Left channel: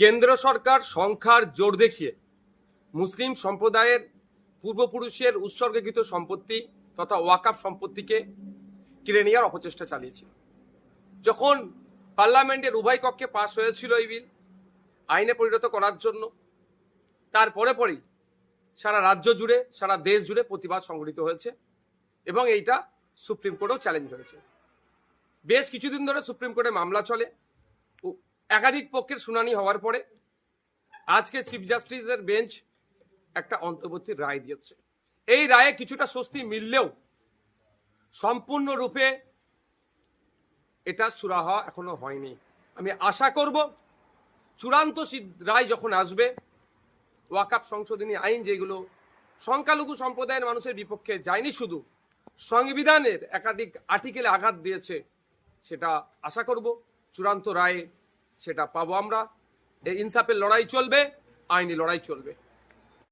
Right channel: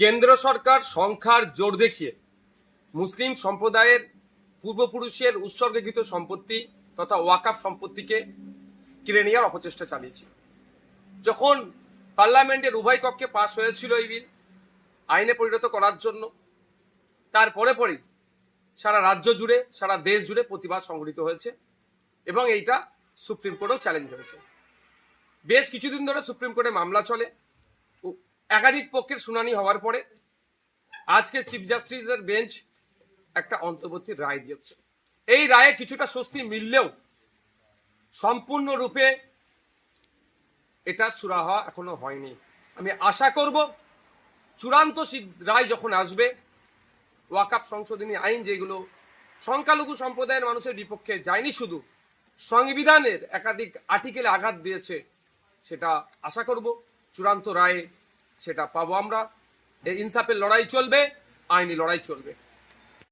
কেন্দ্র সরকার সংখ্যার জোর দেখিয়ে মুসলিম সম্প্রদায়ের পূর্বপুরুষের উৎসর্গীকৃত সম্পত্তি তথা ওয়াকাফ সম্পত্তিকে কেড়ে নেওয়ার অপচেষ্টা চালিয়েছে। যখন পার্লামেন্টের উভয় কক্ষে পাশ হয়েছিল এই বিল আইনে পরিণত করার জন্য, তারপরে পরেই সারা রাজ্য জুড়ে সারা দেশ জুড়ে প্রতিবাদ সংঘটিত হয়েছে এবং এইটা সুপ্রিম কোর্টেও চ্যালেঞ্জ হয়েছে। বেশ কিছুদিন ধরে সুপ্রিম কোর্টে মামলা চলে, একাধিক পক্ষের শুনানি হওয়ার পরে আজকে চিফ জাস্টিসের বেঞ্চ একটা অন্তর্বর্তী রায় দিয়েছে। এই রায়ে কিছুটা স্বস্তি মিললেও সম্পূর্ণরূপে এটা সুরাহা এখনো হয়নি। আমি আশা করব চূড়ান্ত রায় যখন আসবে, ওয়াকাফ সংশোধনী আইন যেগুলো সংখ্যালঘু সম্প্রদায়ের মানুষের বিপক্ষে যায়নি, শুধু সংবিধানের একাধিক আর্টিকেলে আঘাত দিয়েছে, সেটা আশা করব চূড়ান্ত রায়ে সেটা পাবো আমরা। এই ইনসাফের লড়াই চলবে, আইনি লড়াই চলবে।